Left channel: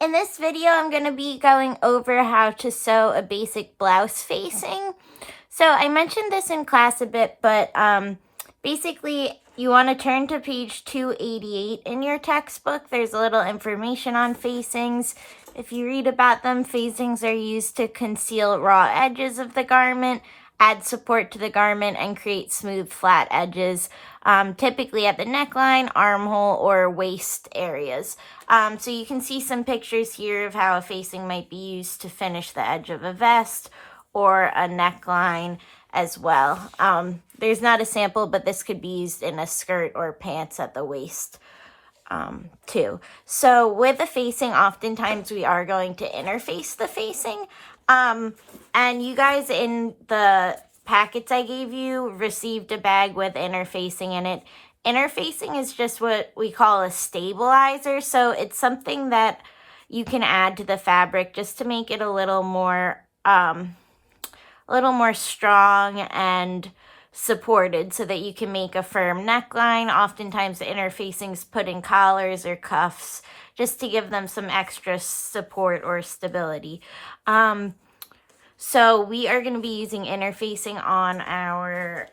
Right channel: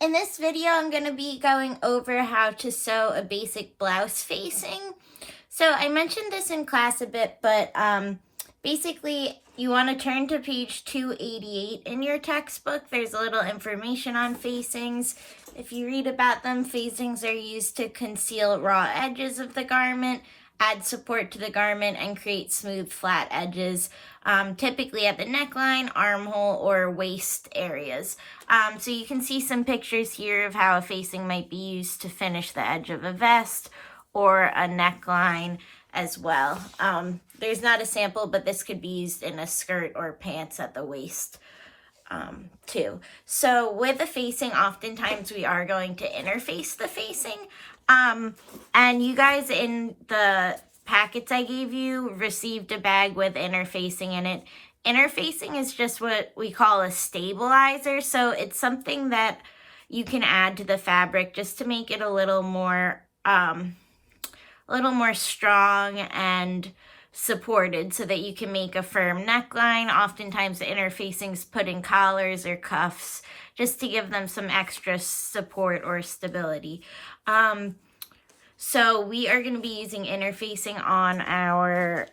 In this video, I'm going to be going over how to sew a basic blouse facing. So I mentioned this in class a bit, but basically you want to turn to page 288 in your textbook. There's a little information on facings. If you read about them, facings are used to conceal raw edges of the garment, add support to the garment, and create smooth, flat edges, typically at the neckline, armhole, or waist areas. So you can see some pictures here of how a facing might be used to finish the edge of a vest or a neckline as well. There's not a sample, but this could be used in a skirt or pants at the waist too. So with the facing, oftentimes we are going to interface the facing. And you guys in the packets I gave you received a bag with interfacing in it. Interfacing is just what we call a stabilizer. So it's something that you can add to the fabric just to make it a little more strong and supported so that you can make a firm neckline. Oftentimes the interfacing's put in collars or cuffs just to give them some extra support or stability. So we are going to be using interfacing on our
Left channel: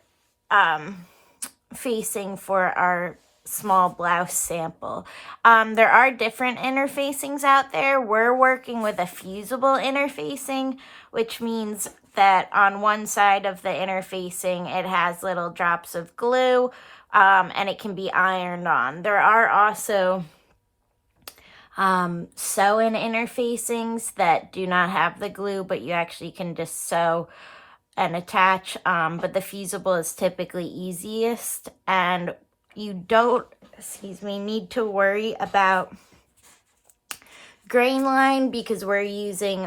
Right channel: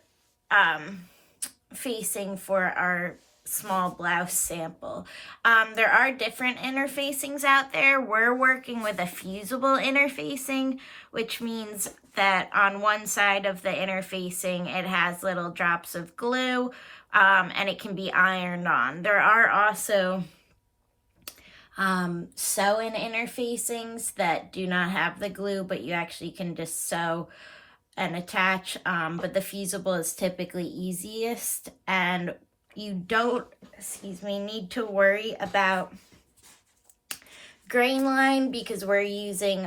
facing for our small blouse sample. There are different interfacings out there. We're working with a fusible interfacing, which means that on one side of the interfacing it has little drops of glue, and it can be ironed on. There are also sew-in interfacings that do not have the glue, but you actually can just sew and attach, but the fusible is typically easiest, and you don't, need to worry about grain line because we're using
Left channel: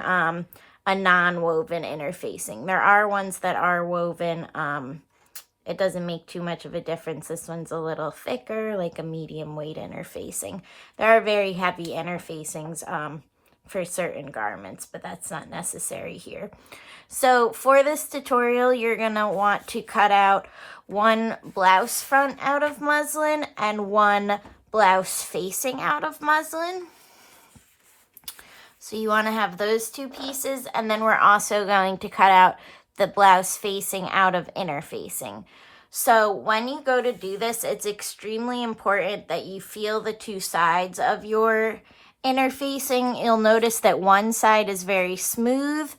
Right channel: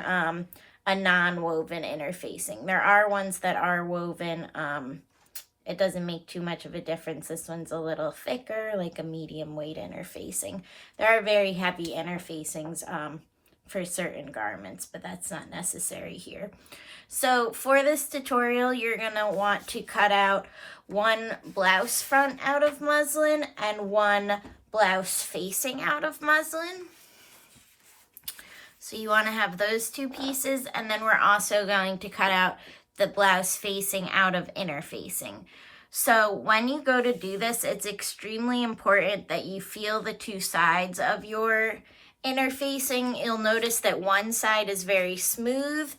a non-woven interfacing. There are ones that are woven. It doesn't make too much of a difference. This one's a little thicker, like a medium weight interfacing. There are very heavy interfacings for certain garments, but that's not necessary here. So for this tutorial, you're gonna want to cut out one blouse front out of muslin and one blouse facing out of muslin. So you wanna have those two pieces, and then we're also going to cut out the blouse facing out of interfacing. So when you go to do this, it's extremely important that you feel the two sides of your interfacing. You'll notice that one side is very smooth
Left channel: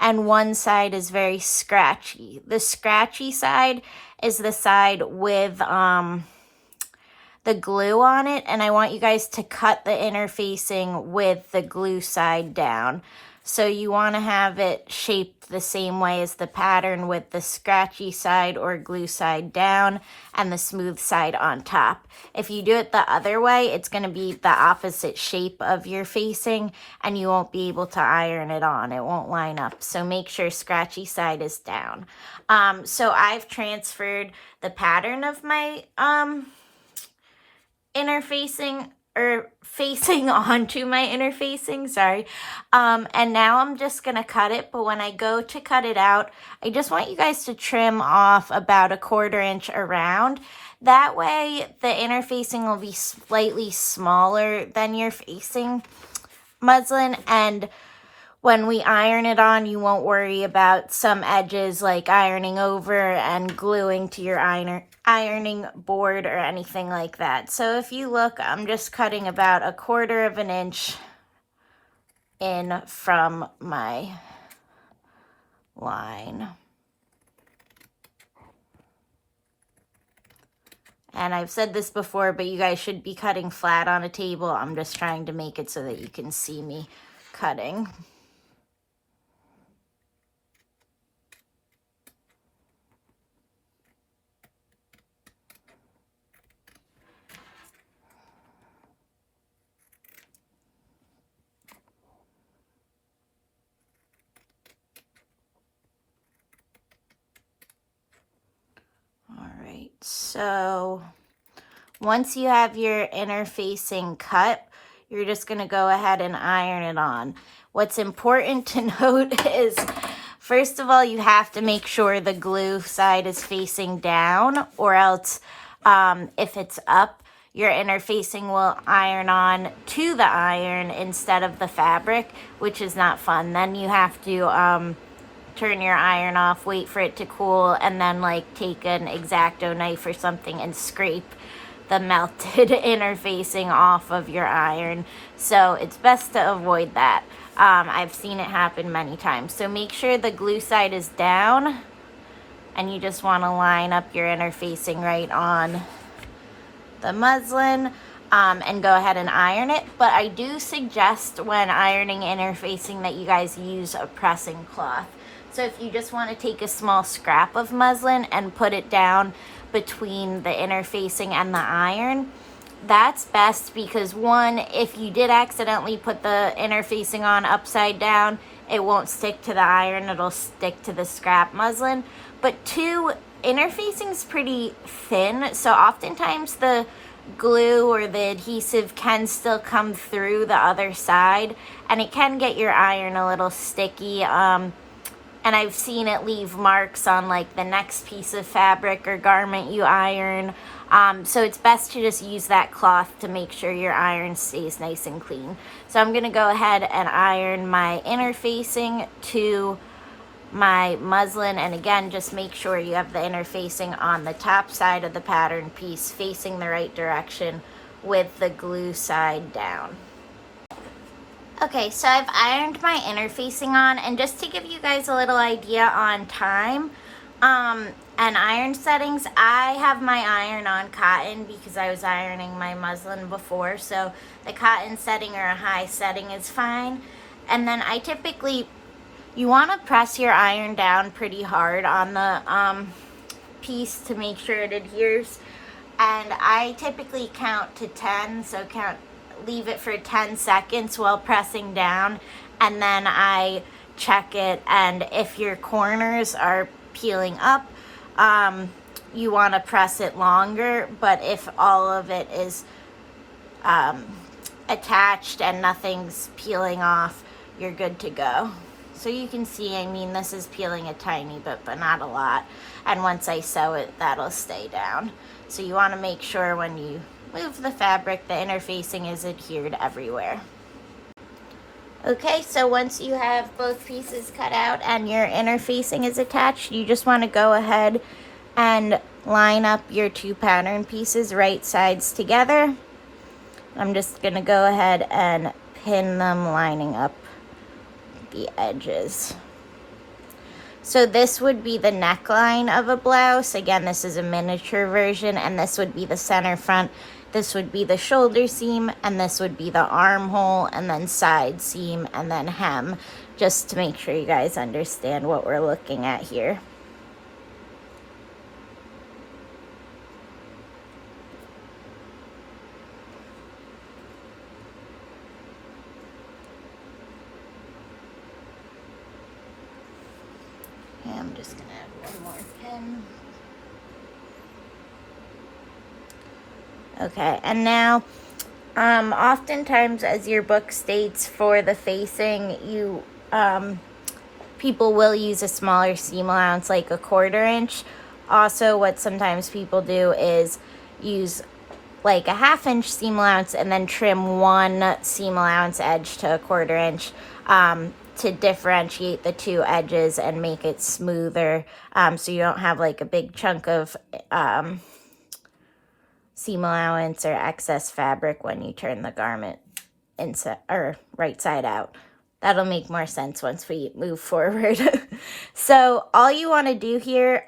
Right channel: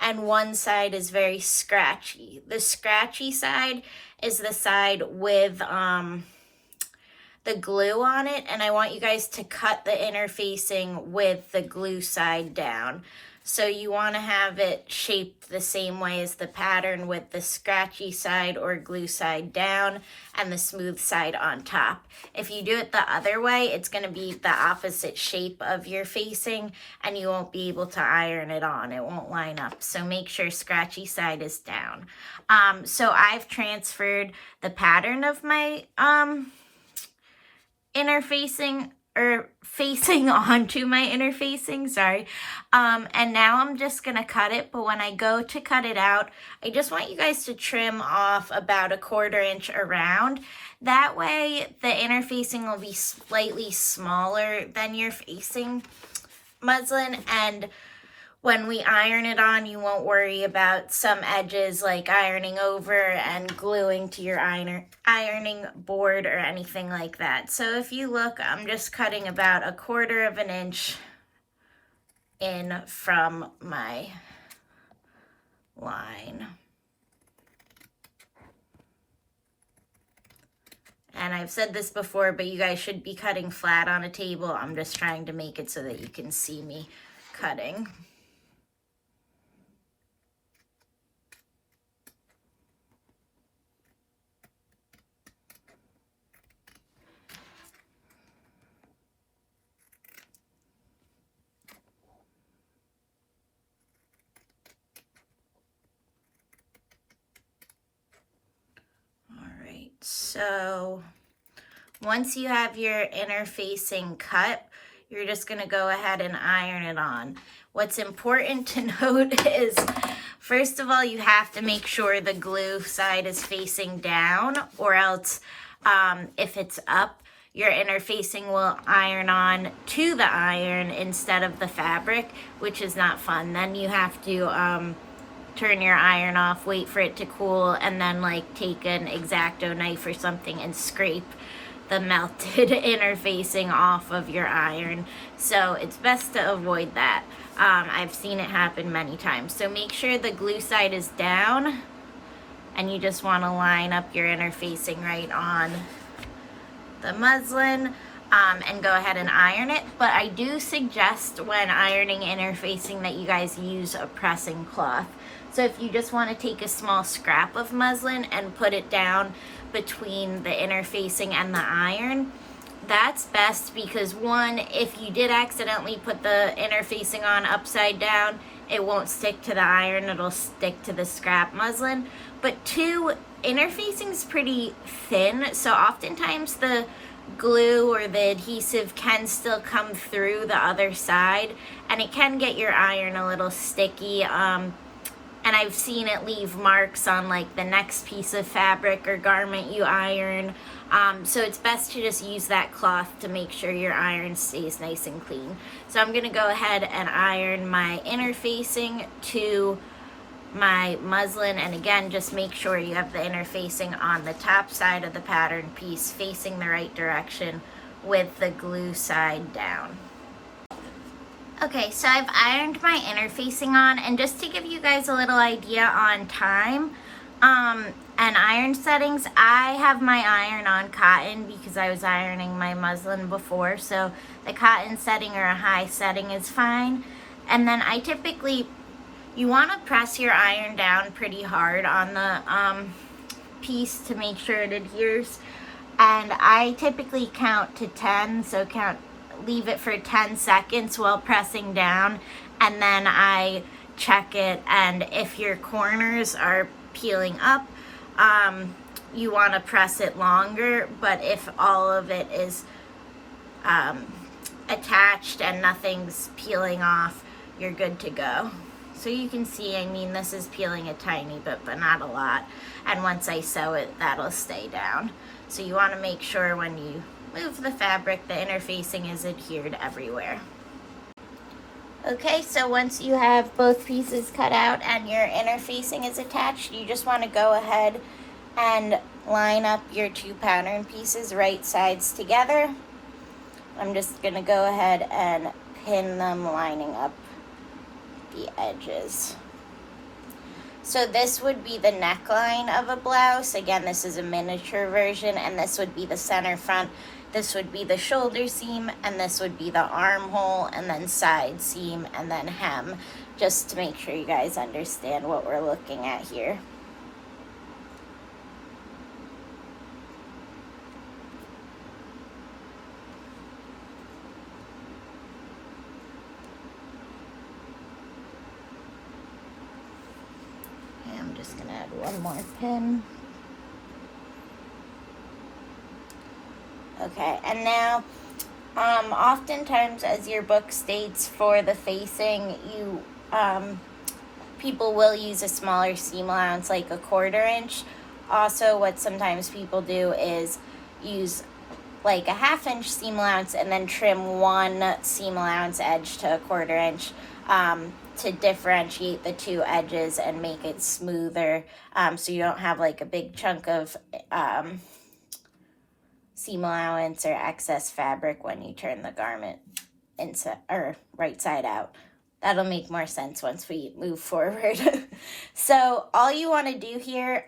and one side is very scratchy. The scratchy side is the side with the glue on it, and I want you guys to cut the interfacing with the glue side down. So you want to have it shaped the same way as the pattern, with the scratchy side or glue side down and the smooth side on top. If you do it the other way, it's going to be the opposite shape of your facing and you won't be able to iron it on. It won't line up. So make sure scratchy side is down. So I've transferred the pattern of my interfacing or facing onto my interfacing, sorry. And now I'm just gonna cut it, but when I go to cut it out, I just want you guys to trim off about 1/4 inch around. That way the interfacing will be slightly smaller than your facing muslin, and when we iron it on, you won't worry about some edges like ironing over and gluing to your ironing board or anything like that. So if you look, I'm just cutting about 1/4 inch in from my line. And I've said this before, but you guys should be cutting flat on a table. I'm just trying to make it so that you can see me cutting. So once you have your interfacing cut, you're just going to go ahead and iron it on. What's important to note is, first of all, you have to make sure the glue side is facing down, or else if it's up, your inner facing will iron on to the iron instead of the fabric, which is not fun. Then you have to turn your iron off, wait for it to cool, and then like take an X-Acto knife or something and scrape the melted inner facing off of your iron. So it's best to avoid that. I've seen it happen many times. So make sure the glue side is down, and you just want to line up your inner facing right on the muslin, and go ahead and iron it. But I do suggest when ironing inner facing that you guys use a pressing cloth. So if you just want to take a small scrap of muslin and put it down between the inner facing and the iron, that's best, because one, if you did accidentally put the inner facing on upside down, it won't stick to the iron, it'll stick to the scrap muslin. But two, inner facing's pretty thin, so oftentimes the glue or the adhesive can still come through the other side, and it can get your iron a little sticky. And I've seen it leave marks on like the next piece of fabric or garment you iron. So it's best to just use that cloth to make sure your iron stays nice and clean. So I'm gonna go ahead and iron my inner facing to my muslin, and again, just make sure you have the inner facing on the top side of the pattern piece facing the right direction with the glue side down. Okay, so I've ironed my inner facing on, and just to give you guys a little idea on time and iron settings, I have my iron on cotton because I was ironing my muslin before, so the cotton setting or a high setting is fine. And then I typically, you want to press your iron down pretty hard on the piece to make sure it adheres, and I typically count to 10, so leave it for 10 seconds while pressing down, and then I check it, and if your corners are peeling up, you want to press it longer, but if all of it is attached and nothing's peeling off, you're good to go. So you can see, I mean, this is peeling a tiny bit, but not a lot, and once I sew it, that'll stay down. So you want to make sure when you move the fabric, the inner facing is adhered everywhere. Okay, so once you have both pieces cut out and your inner facing is attached, you just want to go ahead and line up your two pattern pieces right sides together. I'm just going to go ahead and pin them lining up the edges. So this would be the neckline of a blouse. Again, this is a miniature version, and this would be the center front. This would be the shoulder seam, and this would be the armhole, and then side seam, and then hem, just to make sure you guys understand what we're looking at here. And I'm just gonna add one more pin. Okay, and now, oftentimes, as your book states, for the facing, people will use a smaller seam allowance, like a 1/4 inch. Also, what sometimes people do is use like a 1/2 inch seam allowance and then trim one seam allowance edge to a 1/4 inch to differentiate the two edges and make it smoother, so you don't have like a big chunk of seam allowance or excess fabric when you turn the garment inside or right side out. That'll make more sense once we move forward. So all you want to do here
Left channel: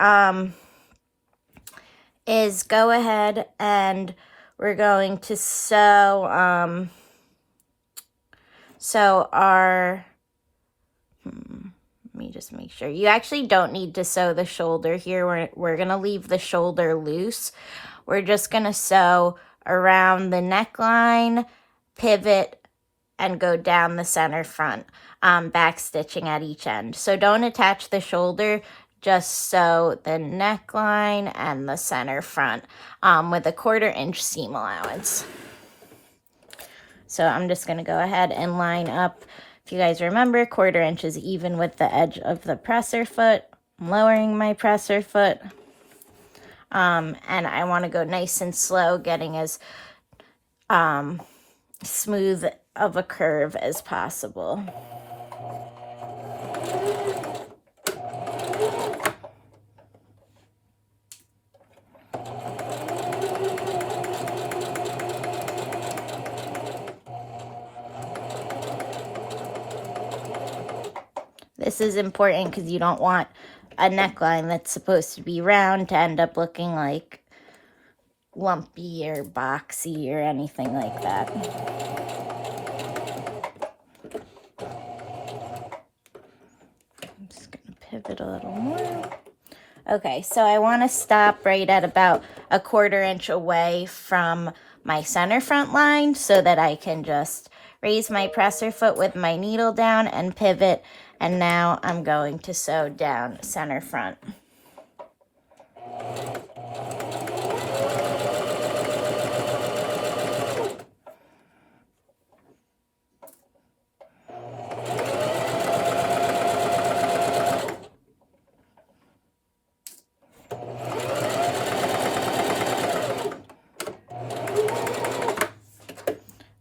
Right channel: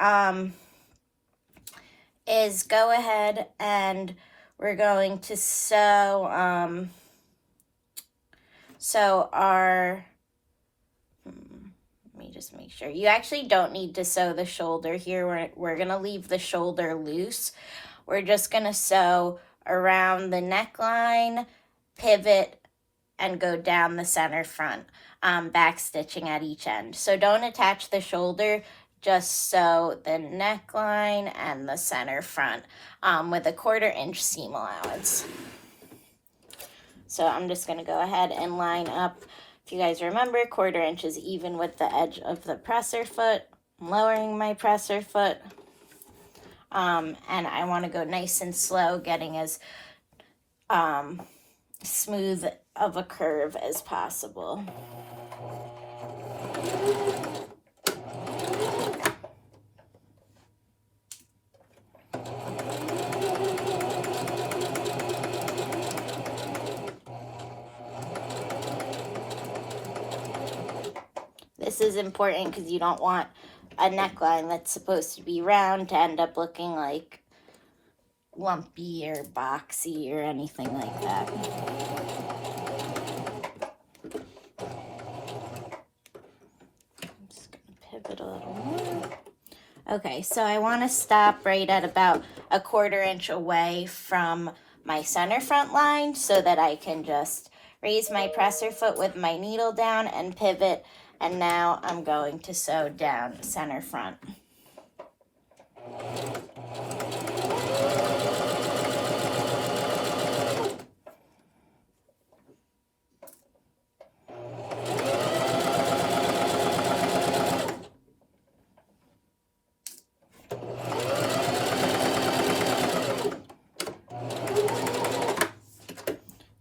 is go ahead and we're going to sew our let me just make sure. You actually don't need to sew the shoulder here. We're going to leave the shoulder loose. We're just going to sew around the neckline, pivot, and go down the center front, back stitching at each end. So don't attach the shoulder, just sew the neckline and the center front with a 1/4 inch seam allowance. So I'm just going to go ahead and line up. If you guys remember, 1/4 inch is even with the edge of the presser foot. I'm lowering my presser foot. And I want to go nice and slow, getting as smooth of a curve as possible. This is important because you don't want a neckline that's supposed to be round to end up looking like lumpy or boxy or anything like that. I'm just gonna pivot a little more. Okay, so I want to stop right at about a 1/4 inch away from my center front line so that I can just raise my presser foot with my needle down and pivot, and now I'm going to sew down center front.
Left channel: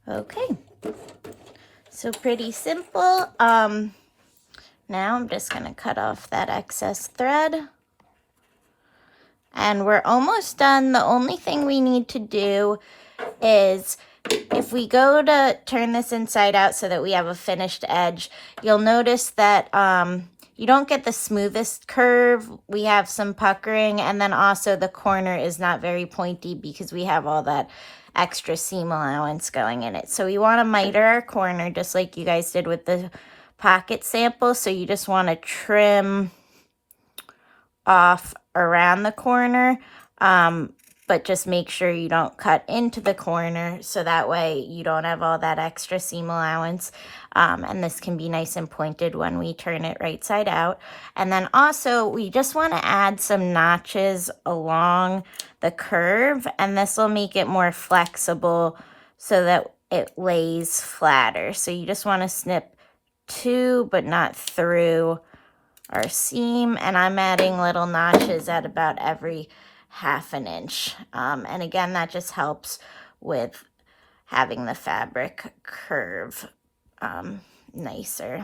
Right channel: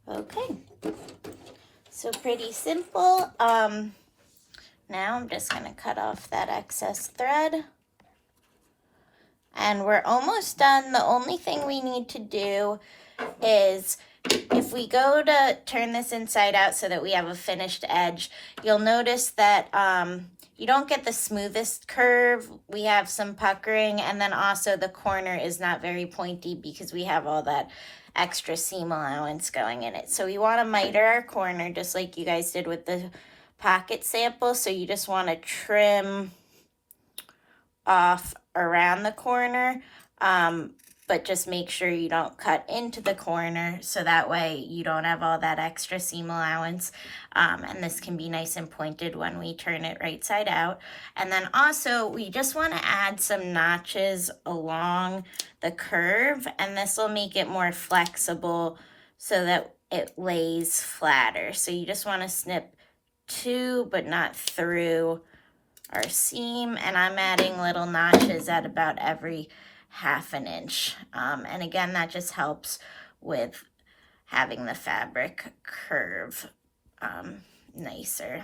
Okay, so pretty simple. Now I'm just gonna cut off that excess thread. And we're almost done. The only thing we need to do is, if we go to turn this inside out so that we have a finished edge, you'll notice that you don't get the smoothest curve. We have some puckering, and then also the corner is not very pointy because we have all that extra seam allowance going in it. So we want to miter our corner just like you guys did with the pocket sample. So you just want to trim off around the corner, but just make sure you don't cut into the corner so that way you don't have all that extra seam allowance, and this can be nice and pointed when we turn it right side out. And then also we just want to add some notches along the curve, and this will make it more flexible so that it lays flatter. So you just want to snip to but not through our seam, and I'm adding little notches at about every 1/2 inch, and again that just helps with having the fabric curve nicer.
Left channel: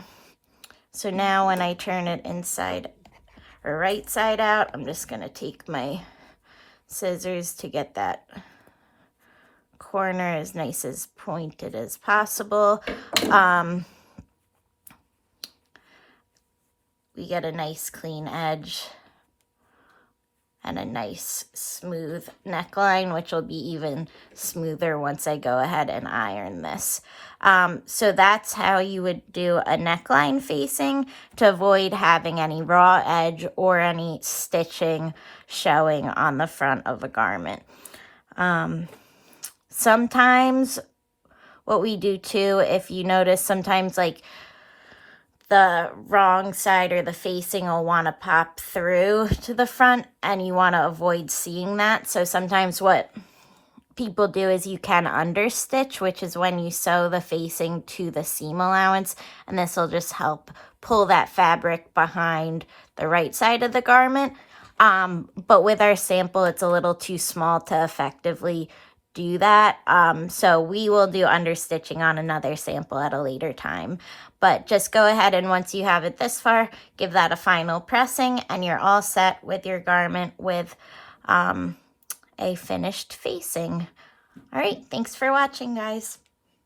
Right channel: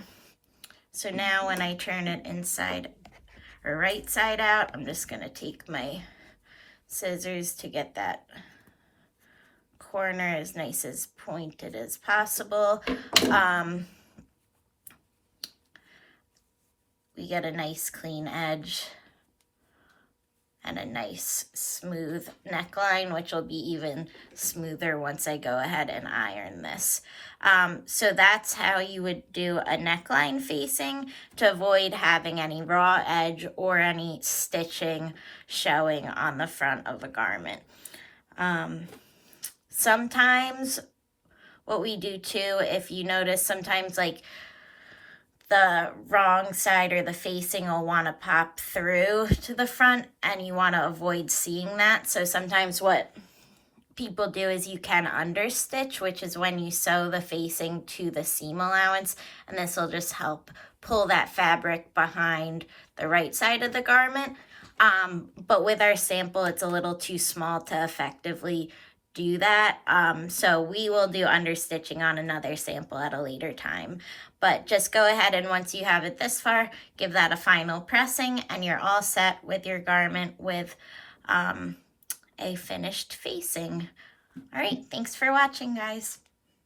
So now when I turn it inside or right side out, I'm just going to take my scissors to get that corner as nice as pointed as possible. We get a nice clean edge and a nice smooth neckline, which will be even smoother once I go ahead and iron this. So that's how you would do a neckline facing to avoid having any raw edge or any stitching showing on the front of a garment. Sometimes what we do too, if you notice, sometimes like the wrong side or the facing will want to pop through to the front, and you want to avoid seeing that. So sometimes what people do is you can understitch, which is when you sew the facing to the seam allowance, and this will just help pull that fabric behind the right side of the garment. But with our sample, it's a little too small to effectively do that. So we will do understitching on another sample at a later time. But just go ahead and once you have it this far, give that a final pressing, and you're all set with your garment with a finished facing. All right, thanks for watching, guys.